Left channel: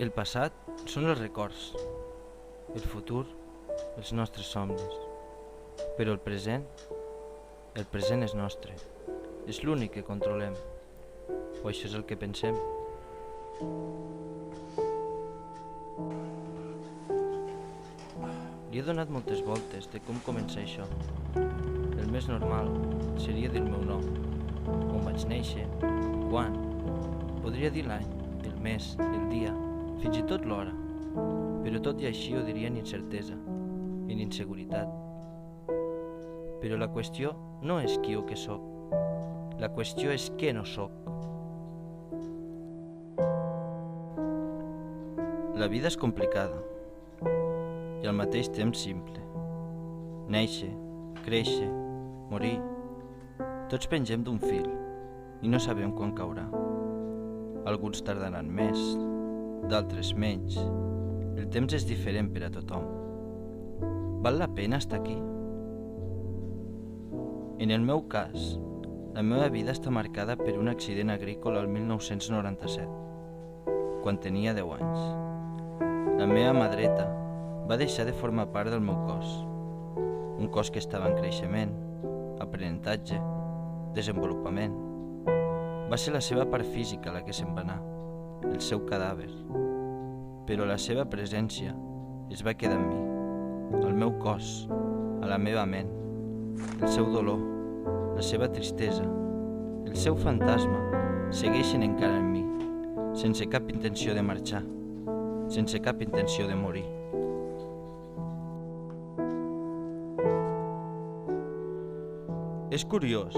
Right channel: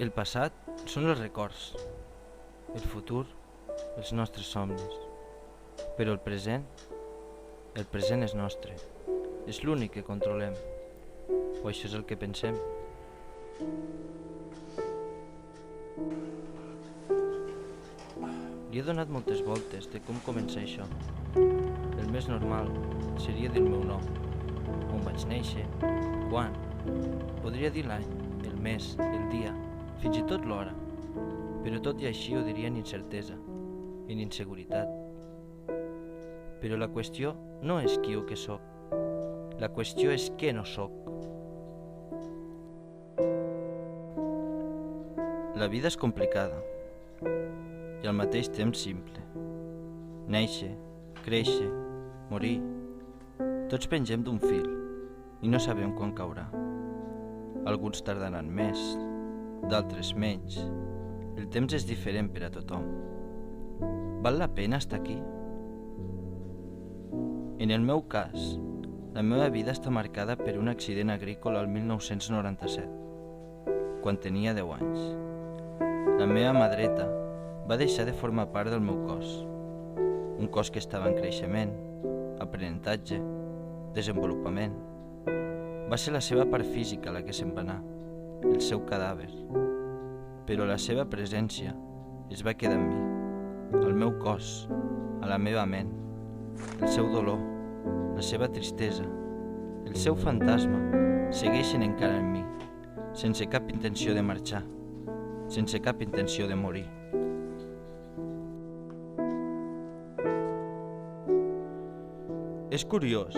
El passat són els records, el futur, els nostres somnis. Però el present és nostre, és l'únic que controlem, o això és el que pensem. Li he donat moltes voltes de com començar això. El més normal seria dir el meu nom, on vaig néixer, quan. Podria dir l'any, el mes, el dia, fins i tot l'hora. Però tot i així ho diria en incertesa, en inseguretat. Però la qüestió no és qui o què sóc. La qüestió és què no sóc. La vida és complicada i al mateix temps simple. Néixer, créixer, morir. Tots pengem d'un fil i no sabem quan caurà. Alguns tardaran més, d'altres menys. El temps és diferent per a tothom. Val la pena estar aquí? En el meu cas, la meva vida està marcada per un accident agrícola al 1997, quan tenia 10 anys. La meva mà dreta va deixar de formar part del meu cos, un cos que estava en creixement, aprenentatge, desenvolupament. Va ser la seva part física la que se'n va anar, el seu cadàver. Però la seva presència es va quedar en mi, al meu cos, a la meva ment. El seu dolor, la seva tristesa, el seu fantasma segueixen encara en mi, sense cap intenció de marxar, sense cap intenció de morir. És curiós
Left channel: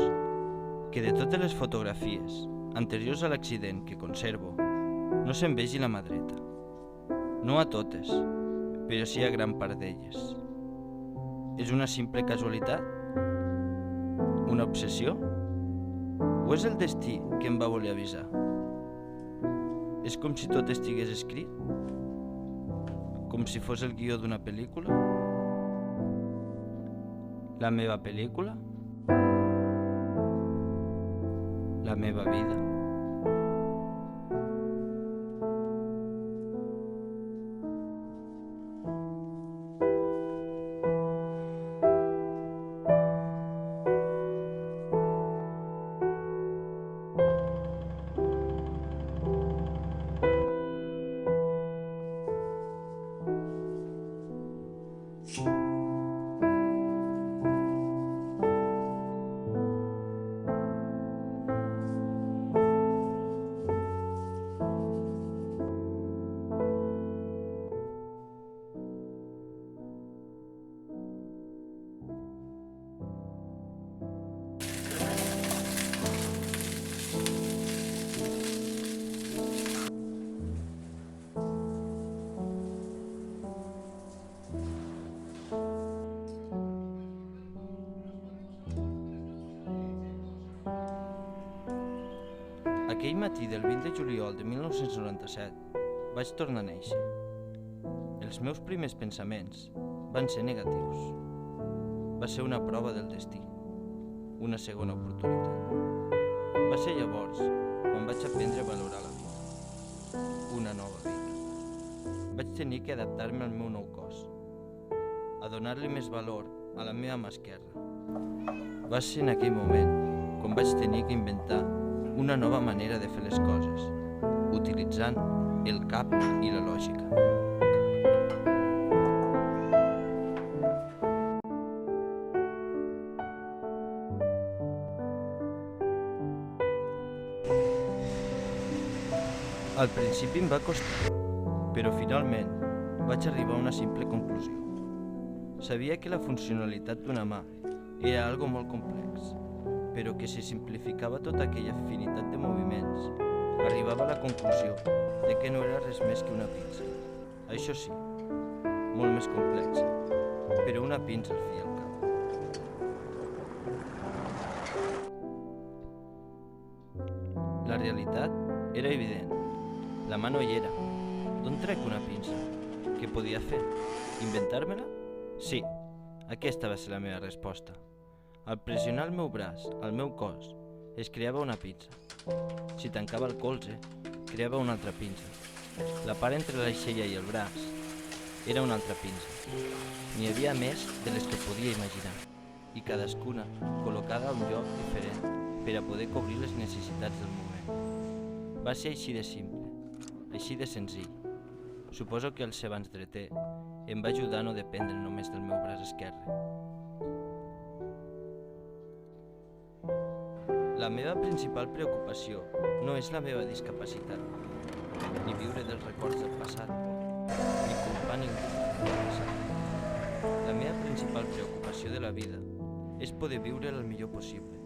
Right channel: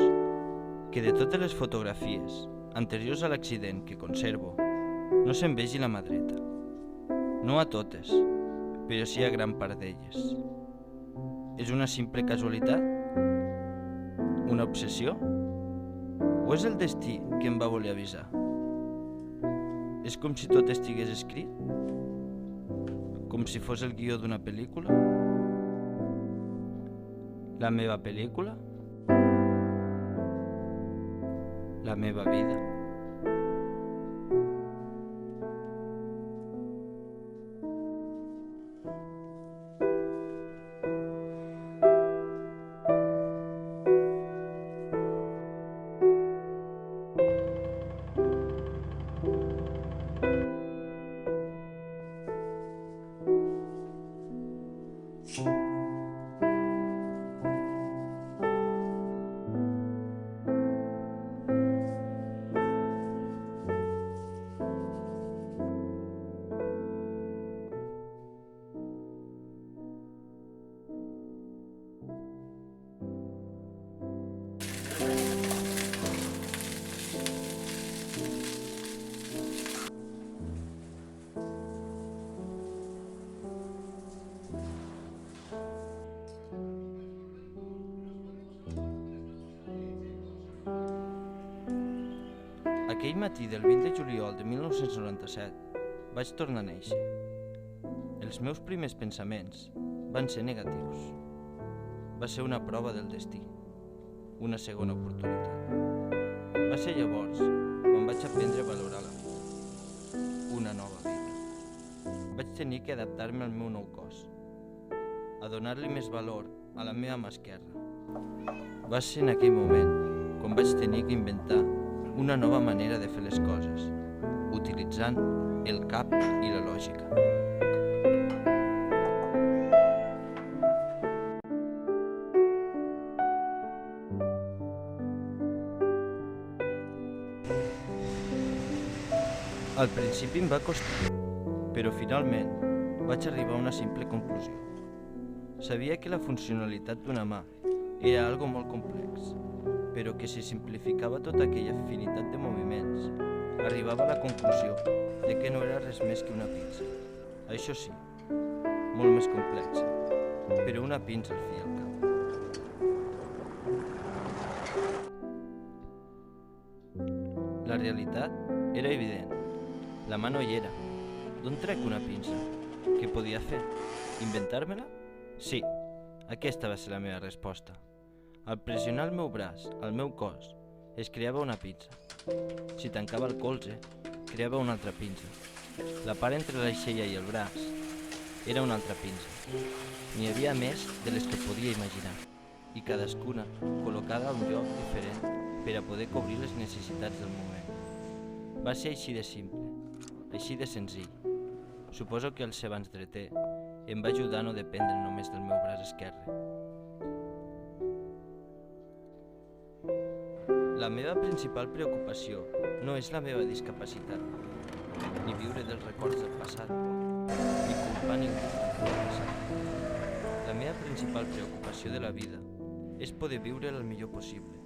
que de totes les fotografies anteriors a l'accident que conservo no se'n vegi la mà dreta. No a totes, però sí a gran part d'elles. És una simple casualitat? Una obsessió? O és el destí que em va voler avisar? És com si tot estigués escrit? Com si fos el guió d'una pel·lícula? La meva pel·lícula? La meva vida? Aquell matí del 20 de juliol de 1997 vaig tornar a néixer. Els meus primers pensaments van ser negatius. Va ser una prova del destí, una segona oportunitat. Va ser llavors quan vaig aprendre a valorar la vida, una nova vida. Vaig tenir que adaptar-me al meu nou cos, a donar-li més valor a la meva mà esquerra. Va ser en aquell moment quan vaig tenir que inventar una nova manera de fer les coses, utilitzant el cap i la lògica. Al principi em va costar, però finalment vaig arribar a una simple conclusió. Sabia que la funcionalitat d'una mà era algo molt complex, però que si simplificava tota aquella infinitat de moviments, arribava a la conclusió de que no era res més que una pinça. Això sí, molt més complexa, però una pinça al fi i al cap. La realitat era evident. La mà no hi era. D'on trec una pinça? Què podia fer? Inventar-me-la? Sí, aquesta va ser la meva resposta. Al pressionar el meu braç, al meu cos, es creava una pinça. Si tancava el colze, creava una altra pinça. La part entre l'aixella i el braç era una altra pinça. N'hi havia més de les que podia imaginar, i cadascuna col·locada a un lloc diferent per a poder cobrir les necessitats del moment. Va ser així de simple, així de senzill. Suposo que el ser abans dreter em va ajudar a no dependre només del meu braç esquerre. La meva principal preocupació no és la meva discapacitat, ni viure dels records del passat, ni culpar ningú del passat. La meva principal preocupació de la vida és poder viure el millor possible.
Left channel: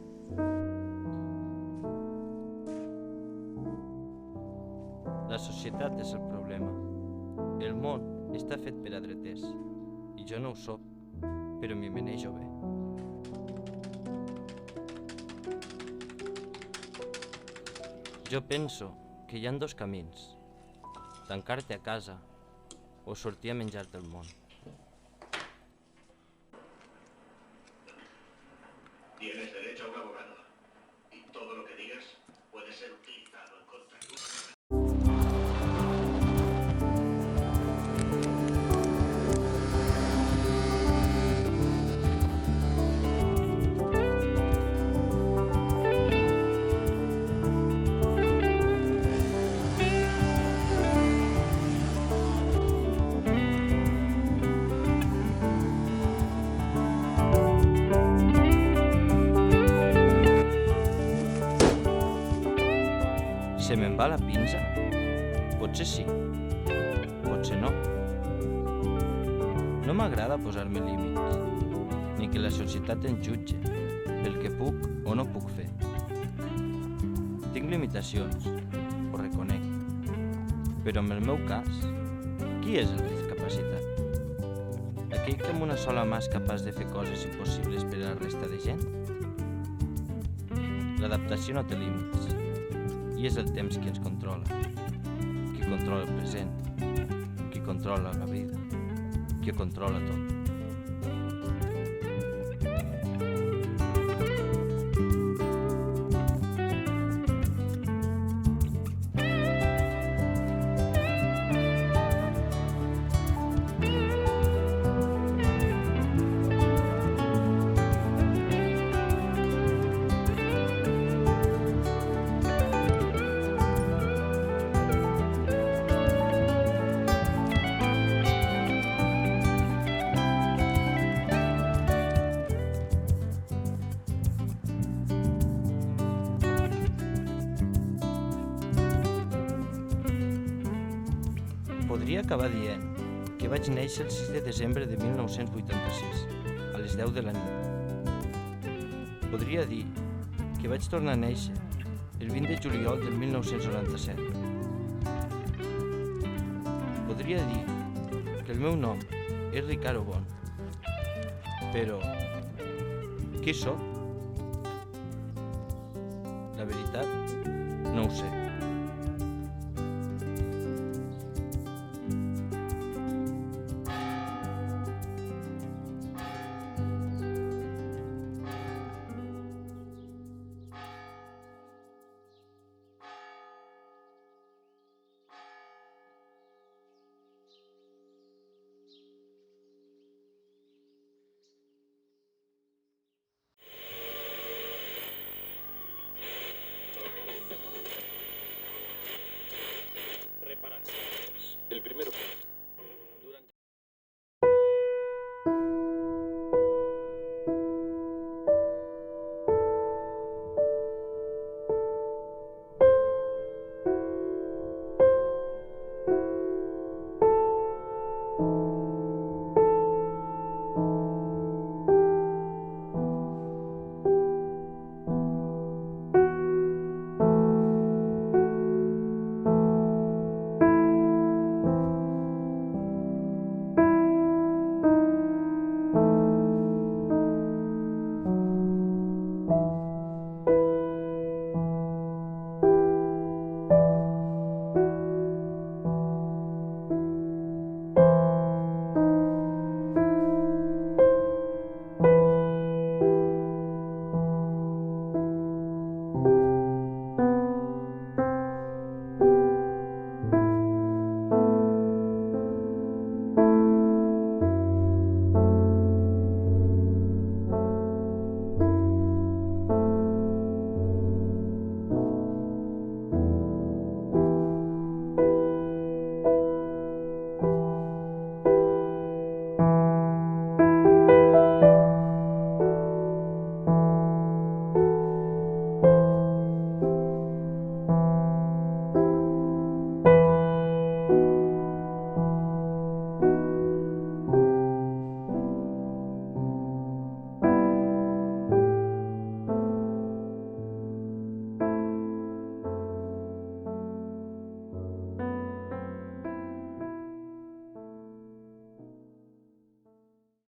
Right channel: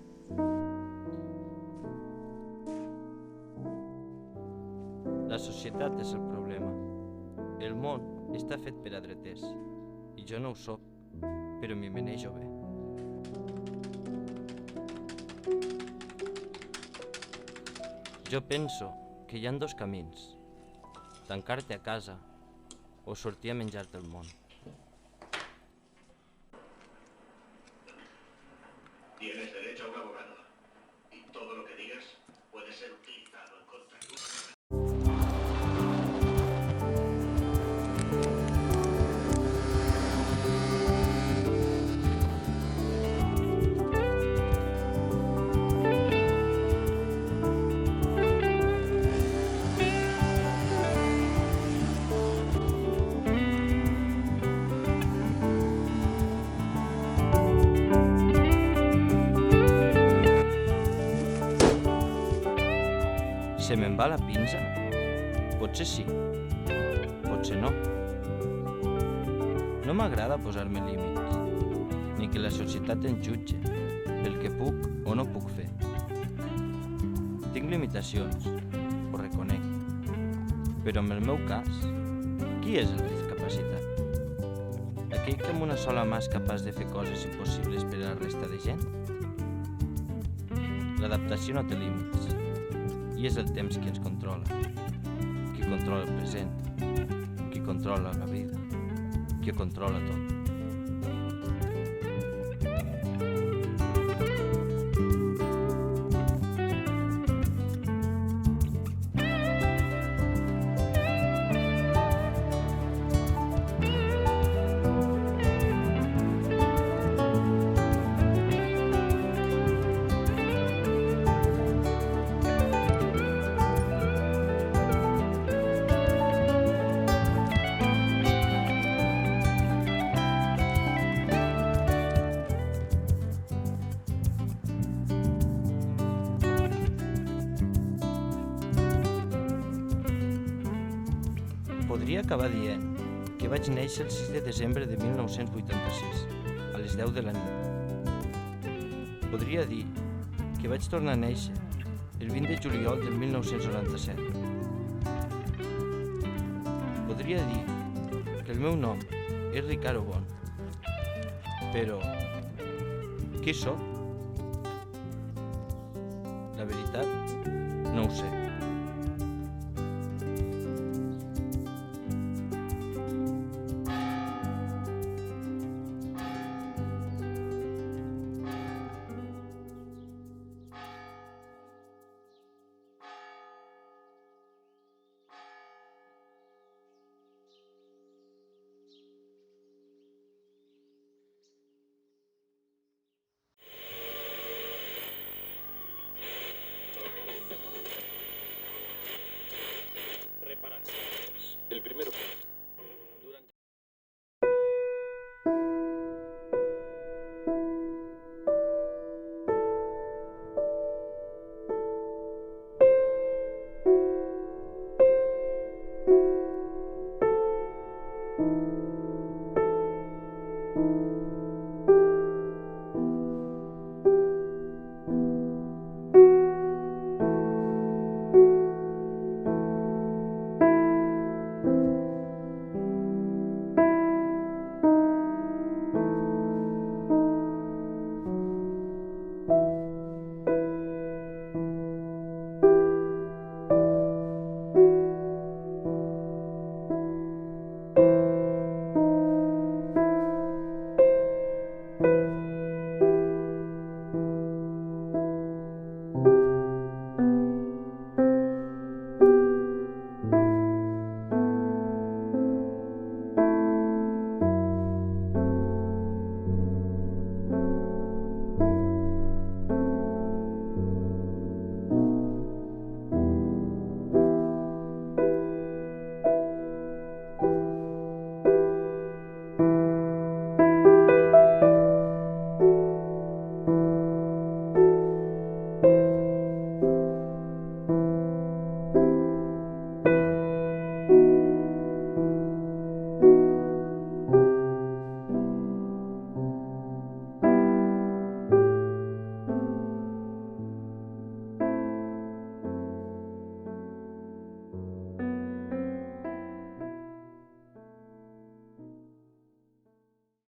La societat és el problema. El món està fet per a dreters, i jo no ho soc, però m'hi manejo bé. Jo penso que hi ha dos camins, tancar-te a casa o sortir a menjar-te el món. Tienes derecho a un abogado, y todo lo que digas puede ser utilizado en contra tuya. Se me'n va la pinça? Potser sí, potser no. No m'agrada posar-me límits, ni que la societat em jutge pel que puc o no puc fer. Tinc limitacions, ho reconec, però en el meu cas, qui és el discapacitat? Aquell que amb una sola mà és capaç de fer coses impossibles per a la resta de gent? L'adaptació no té límits. I és el temps qui ens controla, qui controla el present, qui controla la vida, qui ho controla tot. Podria acabar dient que vaig néixer el 6 de desembre de 1986, a les 10 de la nit. Podria dir que vaig tornar a néixer el 20 de juliol del 1997. Podria dir que el meu nom és Ricardo Bon, però qui sóc? La veritat, no ho sé. Reparaciones. El primero